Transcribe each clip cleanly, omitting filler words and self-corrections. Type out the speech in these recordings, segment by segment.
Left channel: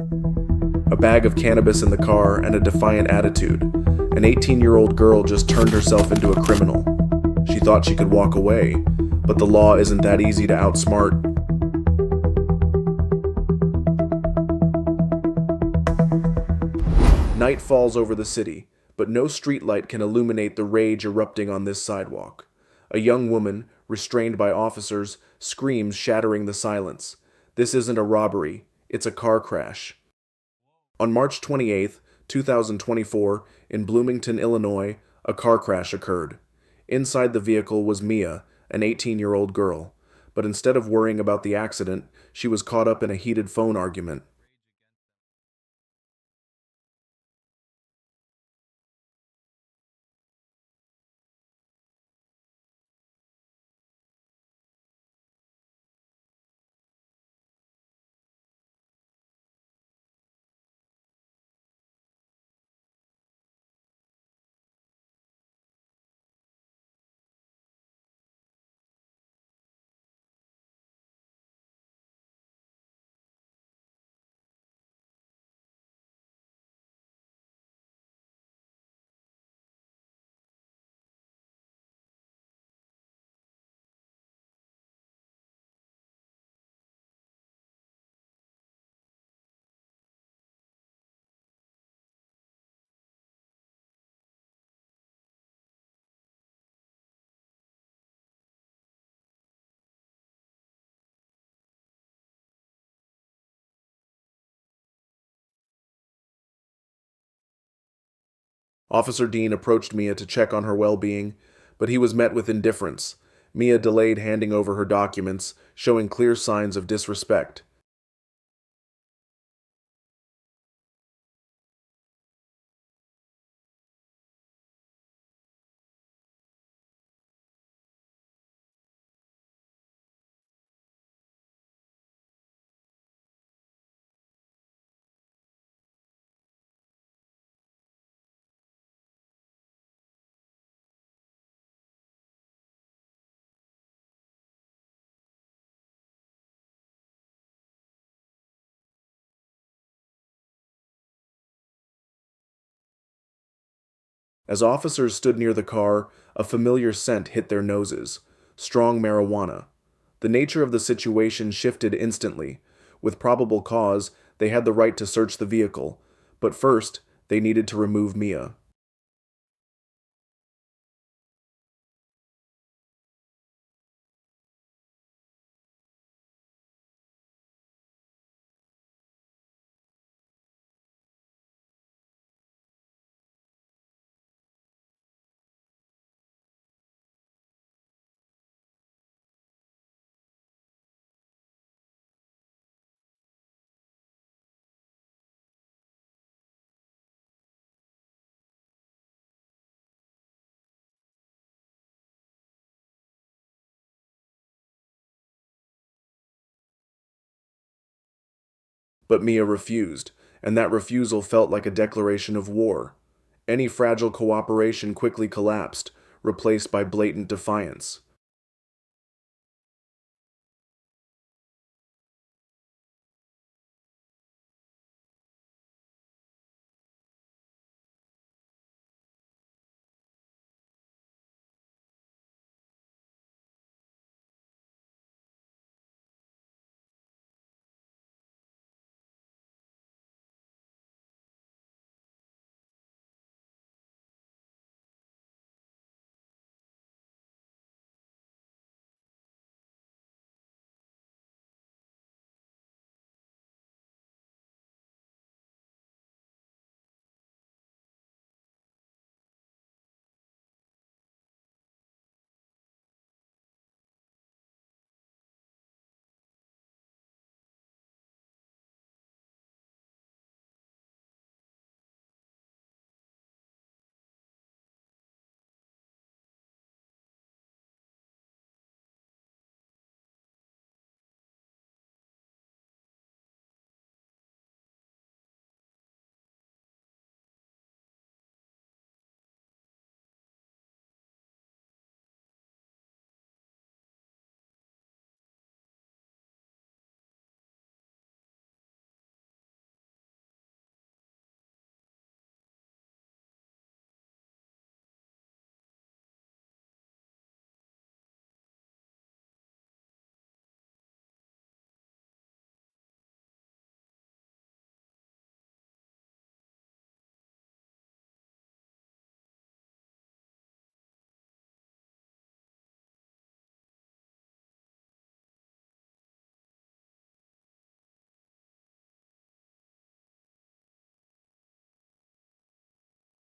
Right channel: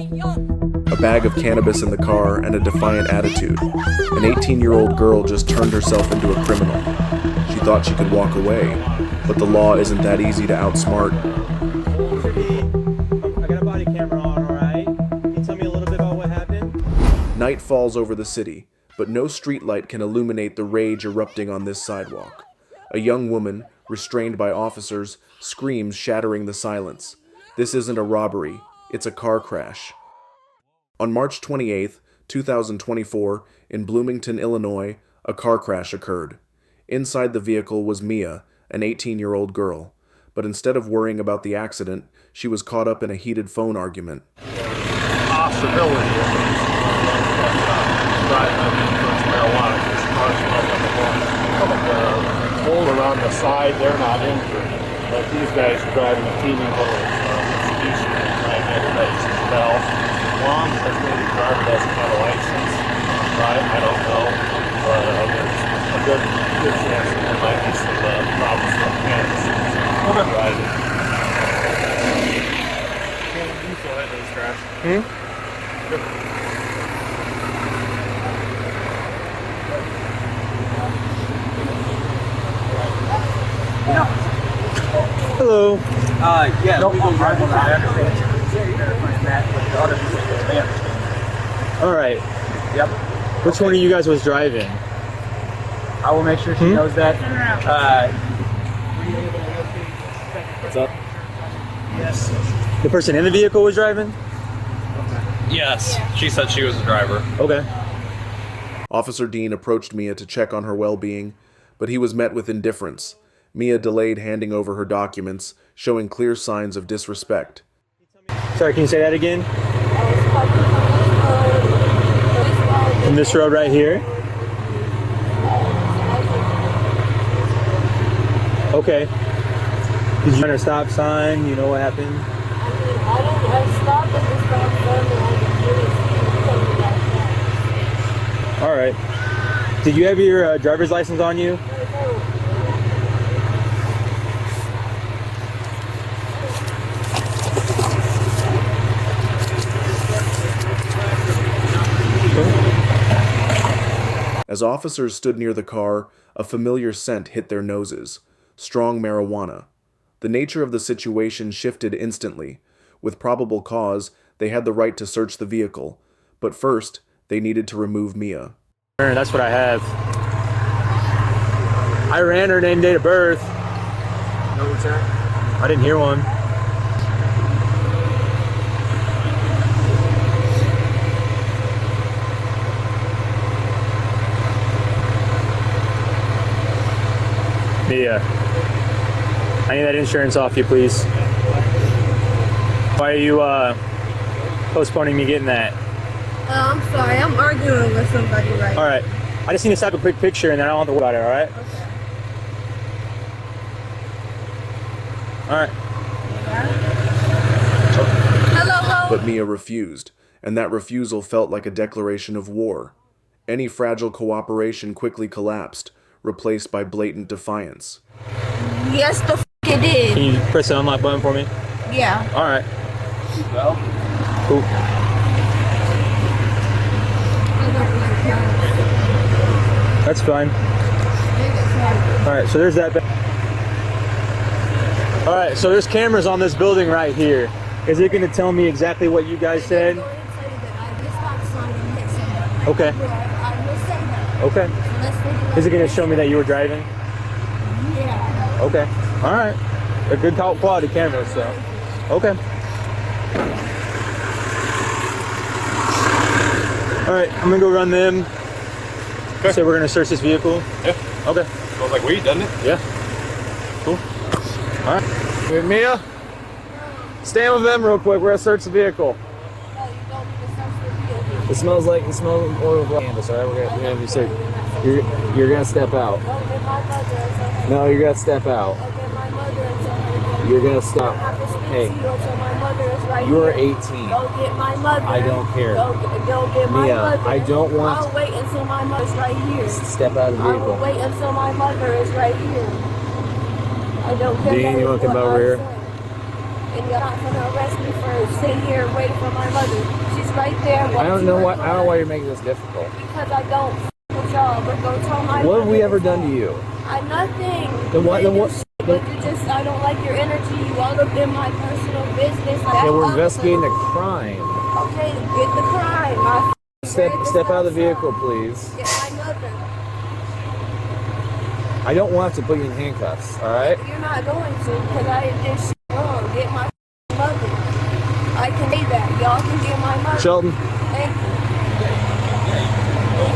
A bag of cannabis in the car and a defiant attitude. An 18-year-old girl just turned herself into a criminal. She thought she could walk away, but the law isn't that easy to outsmart. I got a body camera on, alright? Can you tell me a little bit about what happened? Night falls over the city, but no streetlight can illuminate the rage erupting on this sidewalk. A young woman, restrained by officers, screams, shattering the silence. This isn't a robbery, it's a car crash. On March 28, 2024, in Bloomington, Illinois, a car crash occurred. Inside the vehicle was Mia, an 18-year-old girl. But instead of worrying about the accident, she was caught up in a heated phone argument. Possibility of marijuana. Hole around the side, they're not injured. But these guys are driving a teeny little Mitsubishi bell. One, because maybe the driver doesn't have a license. Right? I don't know. But there's a good chance that there might be some problems with cannabis. Driving. You still have those crash? Hello. Yeah, Nope. we go drive on that. Alright. Yep. Which one of you guys was driving? I will make sure she knows that. What's up? Yes. The person in the vehicle was driving? Yes, she said she was the driver. Okay. Officer Dean approached Mia to check on her well-being, but he was met with indifference. Mia delayed handing over her documents, showing clear signs of disrespect. Sorry, can you say that again? From this road right here? Okay. Did you run a stop sign? You know what happened? I stopped at the stop sign and All right. Did you have your driver's license on you? As officers stood near the car, a familiar scent hit their noses. Strong marijuana. The nature of the situation shifted instantly. With probable cause, they had the right to search the vehicle. But first, they needed to remove Mia. That's what I have. I ran her name, date of birth. No return? I didn't hear one. Mia, I need that insurance off you, please. Why are you postponing me getting that? I'm sorry, I'm arguing with somebody right now. All right, I just need to snap a quick picture and then I don't have to worry about it, all right? Okay. All right. Hello. But Mia refused, and that refusal felt like a declaration of war. Any fragile cooperation quickly collapsed, replaced by blatant defiance. Yes, the f it did. Can you press the unlock button for me? Yeah. All right. Cool. That's fine. All right, so there's that. All right, so there's cameras on this building right here. Is it going to tell me exactly what you guys said? Okay. Okay. Is it going to show me that you were driving? Yeah. Okay. All right. A good quality camera, so. Okay. All right, I'm gonna go run them. Okay. So we're gonna search this vehicle. Yeah. Okay. Smells like weed, doesn't it? Yeah. Cool. All right. Hey, Mia? Stand with them real quick. We're gonna search the vehicle. It smells like oil of cannabis, alright? We're gonna have you search. You're gonna step out. No, you're gonna step out. You're gonna stop. Hey, you're 18. I don't care. Mia, I don't want. I'll wait until my mother's right here. Step out of the I will vehicle. wait until my mother is right here. I don't care. Dean, you wanna come over here? and you're not gonna arrest me for sitting here waiting for my mother. She's right there. I don't know why you're making this difficult. Because I don't with y'all, but go tell my What have mother we ever to done call. to you? Nothing. Then what? Then what? But you just, I don't like your energy. You all up in my personal business. Yeah, we're investigating a crime. Okay, get the crime. Step out of the vehicle, please. Get my mother. I don't want to put you in handcuffs, all right? You're not going to, because I did shit wrong. Get my mother. I can say that. Y'all can get my mother. Sheldon, Thank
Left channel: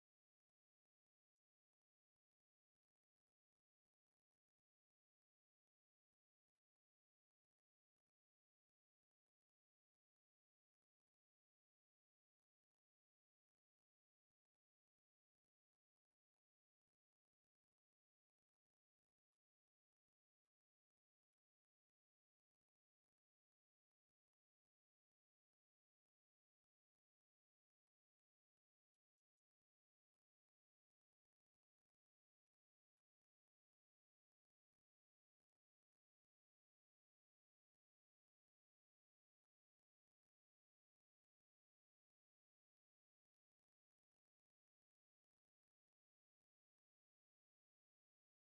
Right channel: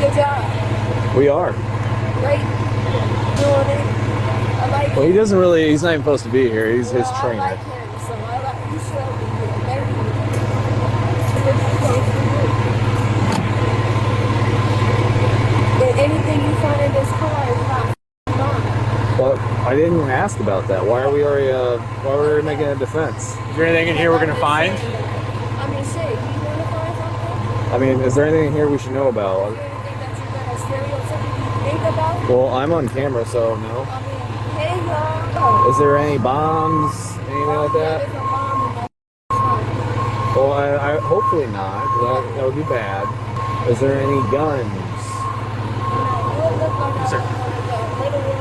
you. Good job. we are. Great. Doing it. I like Well, it. he doesn't really, he's not even supposed to be here. He's his Well, trainer. I like him, so I like, you should be here. Thank you. What you supposed to do. And anything you find in this car is not mine. Well, I didn't even ask about that. Why are we already making a defense? Is there anything in here we're gonna find? I mean, shit, you want to find something? I mean, is there anything in here we should know about? Is there anything that you're going to stereotypically think about? Well, I'm on camera, so no. I mean, hey, y'all. Is there any bombs, anything like that? There's a bomb in my trunk. Well, I hopefully not. That would be bad. Is there any guns? You look like a little one.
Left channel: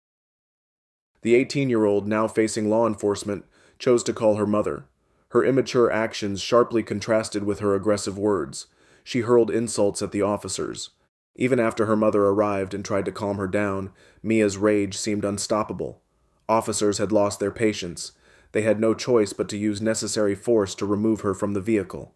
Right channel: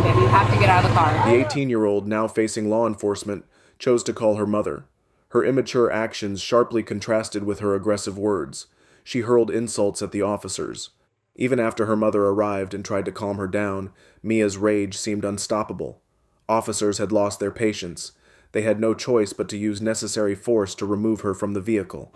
Okay, we have to get out of the car. The 18-year-old, now facing law enforcement, chose to call her mother. Her immature actions sharply contrasted with her aggressive words. She hurled insults at the officers. Even after her mother arrived and tried to calm her down, Mia's rage seemed unstoppable. Officers had lost their patience. They had no choice but to use necessary force to remove her from the vehicle.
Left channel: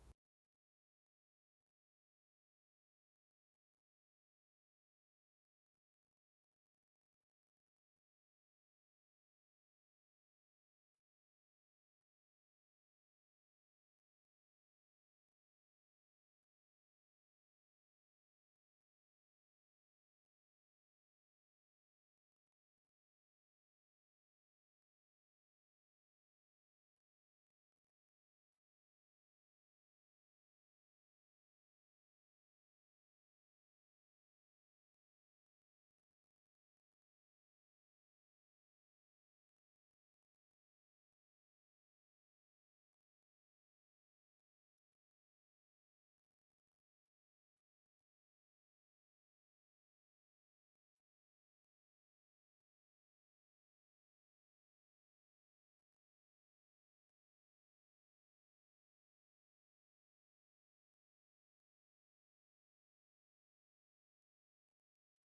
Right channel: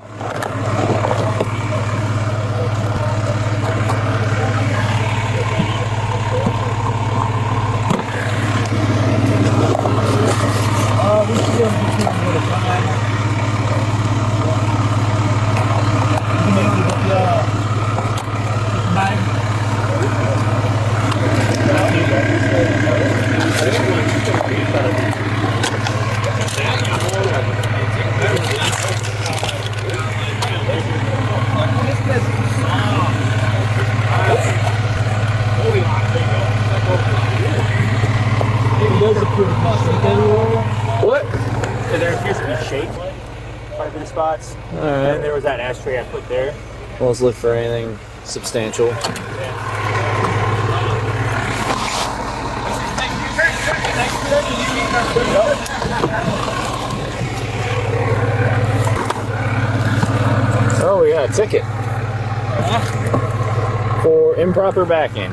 What? So there appears to be shake quite a few spots. All And right. there was that ashtray I put there. Well, let's look for anything substantial. Oh, we got a ticket for improper backing.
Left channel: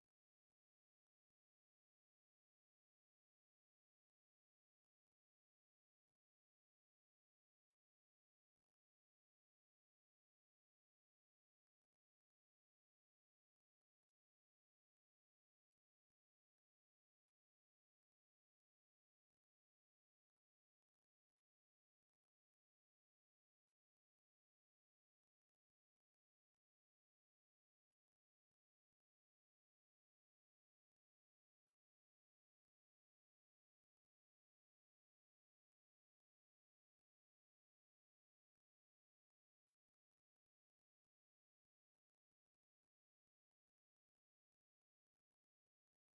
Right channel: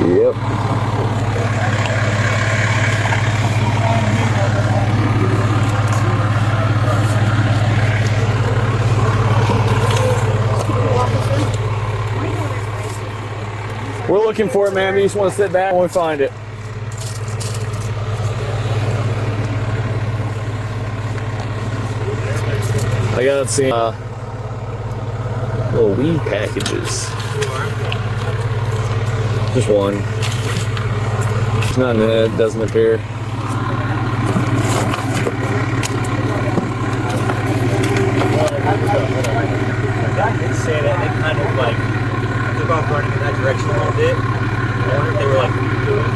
Yep. We're looking for it, man. You just want to sit back when we find it. I got some little weed packages. Just one. There's nothing in it, doesn't appear. I did say that they kind of like took off running in that direction a little bit. I wonder if they were like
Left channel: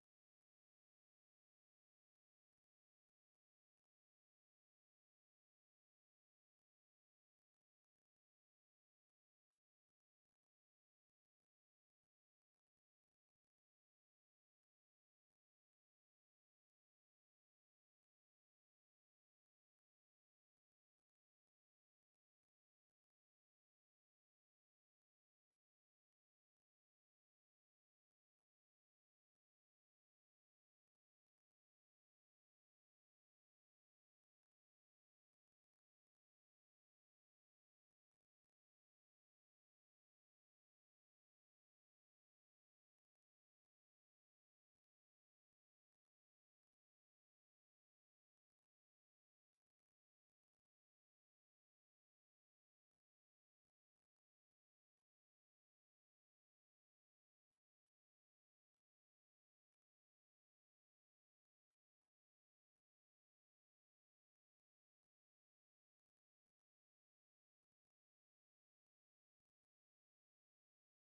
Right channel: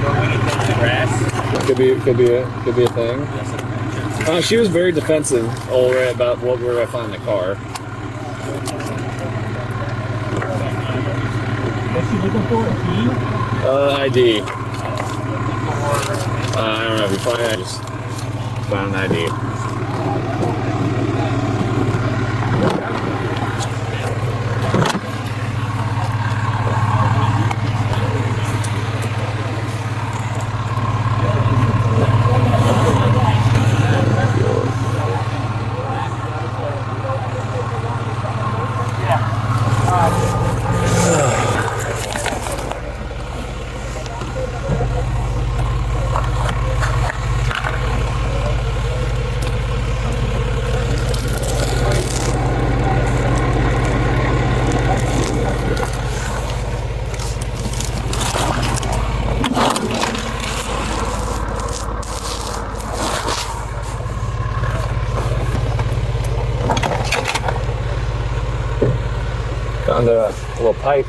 throwing anything in the grass. Could be a thing. She was very defensive already about what we were gonna find in the car. What's she looking for? A key? ID. I don't know if you find it. I just found an ID. Found a little pipe.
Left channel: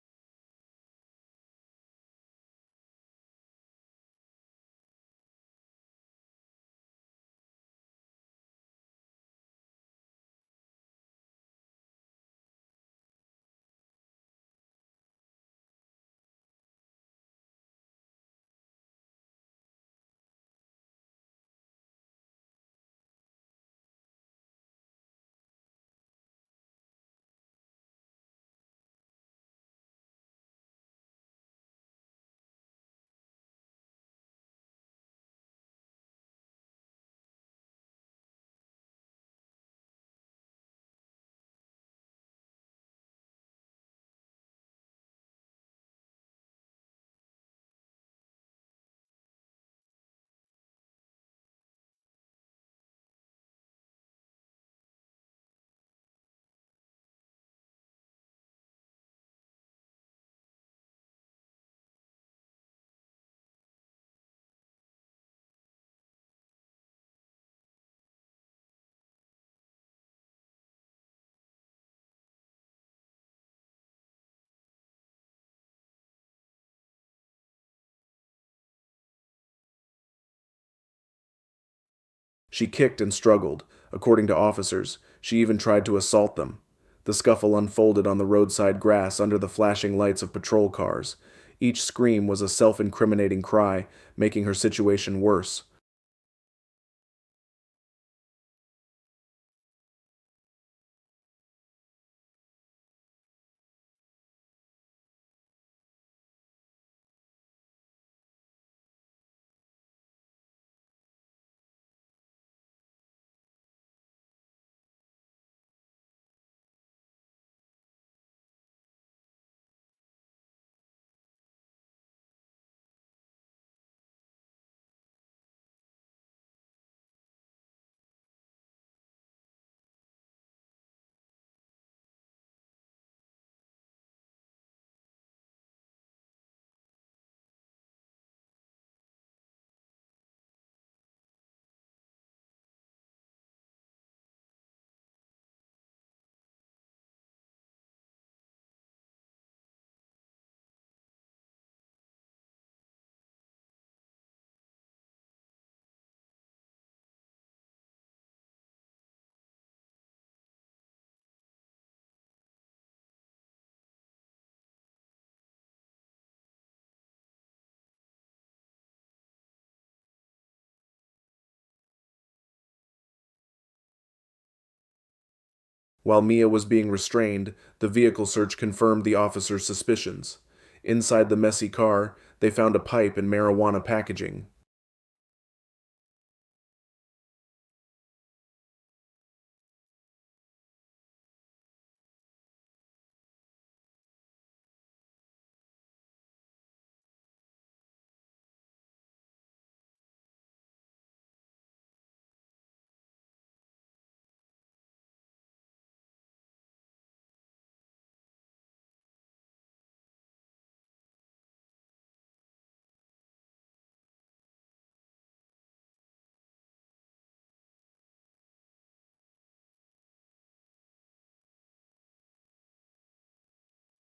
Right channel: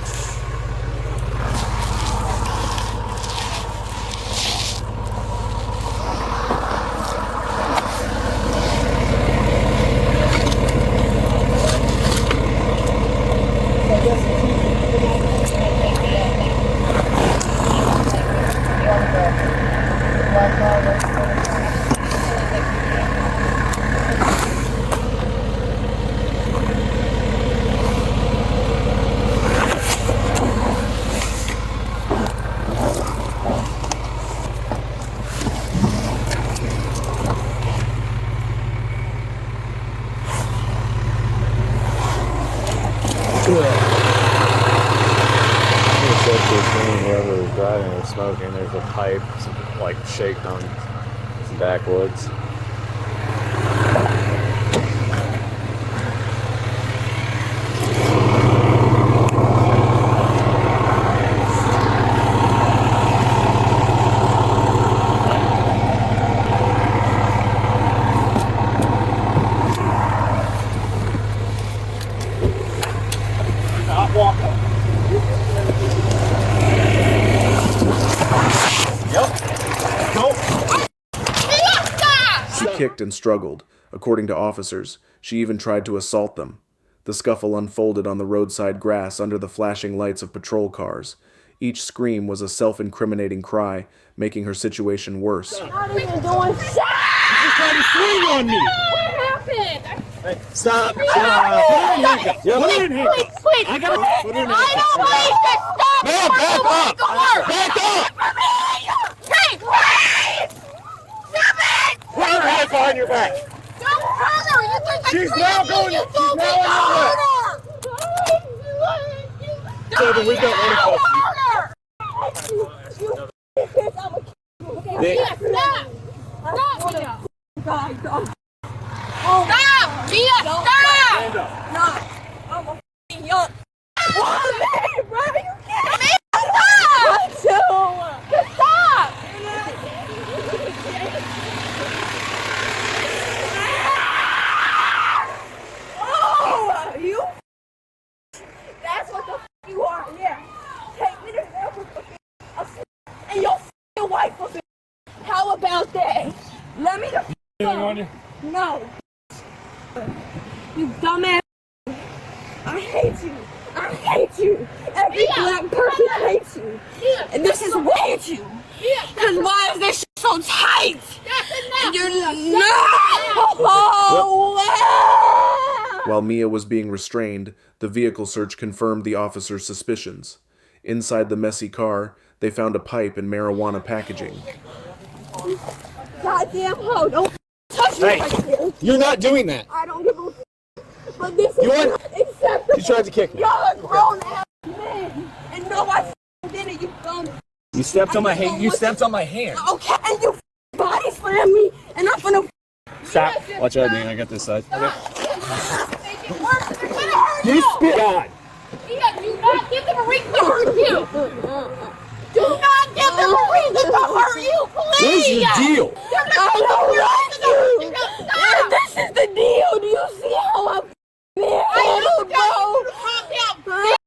Whoever was driving was smoking. There's a pipe, some, like shaked on some backwoods. She kicked and struggled. According to officers, she even tried to assault them. The scuffle unfolded on the roadside grass under the flashing lights of patrol cars. Each scream was a self-incriminating cry, making her situation worse. Not even doing shit. You tried to swing on me. What happened? Hey, stop. Put it in here. Please. I gotta put it in here. I don't need to stop. Man, back up. Back up. Hey, please. Stop it. Put your hands behind your back. Don't hurt her. You think She's now going. She's now on your left. David, we don't want to touch you. Mia, stop! Stop, Mia! Stop! Mia, stop! Stand up. No, I'm a f***ing young. What? Bro, you can't. Mia, stop! Stop! Oh, you. That's what the f*** you are. Yeah. Take me to and your f***ing wife will be. How about that? Let me the f*** Anything on you? No. You dumbass. I hate you. I hate you. Every black person hates you. And this is way too. Because why is this shit so tight? You're While Mia was being restrained, the vehicle search confirmed the officer's suspicions. Inside the messy car, they found a pipe and marijuana packaging. Goddamn hoe. Don't touch me like this. You're not doing that. I don't give a f***. But this You is want- acceptable. You tried to kick me. Y'all are grown ass men. And no, I did it, you dumb. You stepped on my hand. You stepped on my hand. Okay, and you body slam me, and I'm gonna. Stop. Watch out, Dean. I got this side. Okay. You spit. God. do not give them a reason to hurt you. Do not give them a reason to hurt you, please. What is your deal? I don't like you. Stop. This is the deal. Do you see how I'm mad, bro? Calm down.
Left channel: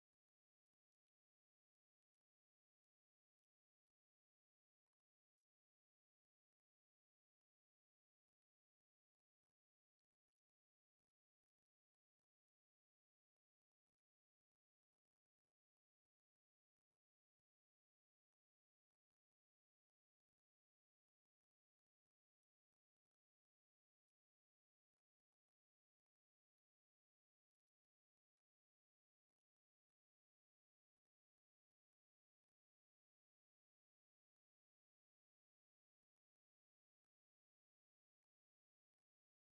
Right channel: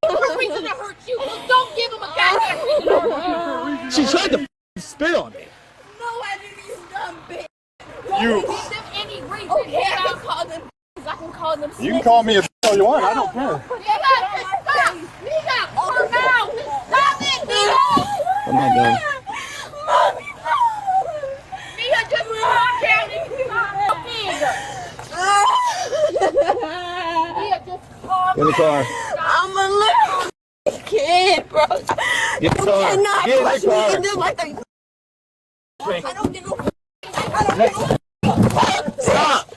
Give them a reason to hurt you. Don't give them a goddamn reason to hurt you. She tried to spit on me. No, I didn't, you dumb bitch. You- Don't give them any reason. Okay, I can call them. I can call them. You can call me a all you want. I don't care. Stop! Mia! Over now! Stop it, Mia! I'm not done. Mommy, no! Mia, just calm down and stop. Mia, just calm In the car. I'm a little kid, bro. Get in the car. Cannot Get in push the me car. in there like a... I don't get no... I don't get no... Stop.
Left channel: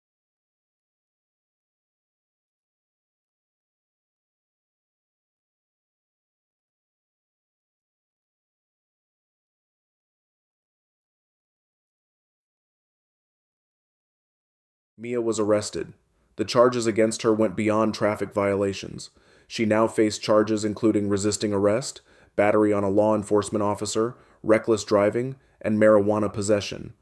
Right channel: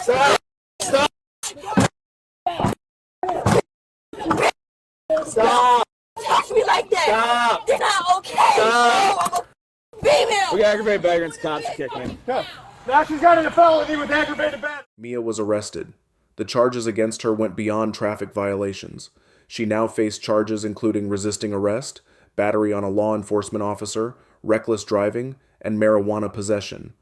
Stop. Stop. Stop. Touch me like that. Stop. You're not okay. Stop. No, I'm a female. We got aggravated vagrants. Cops kick me. Now she's got a felony with aggravated battery. Mia was arrested. The charges against her went beyond traffic violations. She now faced charges including resisting arrest, battery on a law enforcement officer, reckless driving, and marijuana possession.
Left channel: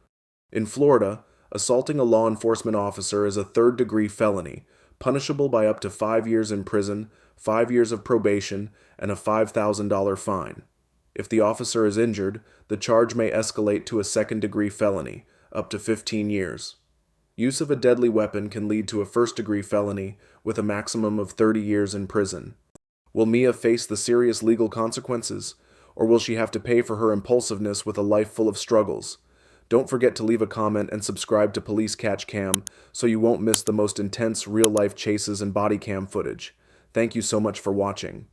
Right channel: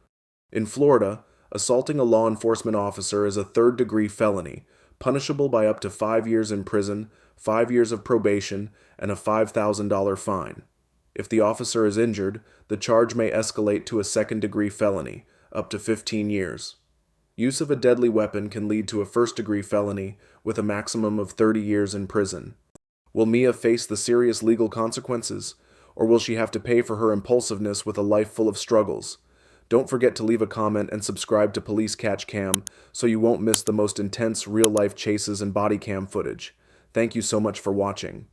In Florida, assaulting a law enforcement officer is a third-degree felony, punishable by up to 5 years in prison, 5 years of probation, and a $5,000 fine. If the officer is injured, the charge may escalate to a second-degree felony, up to 15 years. Use of a deadly weapon can lead to a first-degree felony with a maximum of 30 years in prison. Will Mia face the serious legal consequences, or will she have to pay for her impulsiveness with a life full of struggles? Don't forget to leave a comment and subscribe to Police Catch Cam so you won't miss the most intense real-life chases and body cam footage. Thank you so much for watching.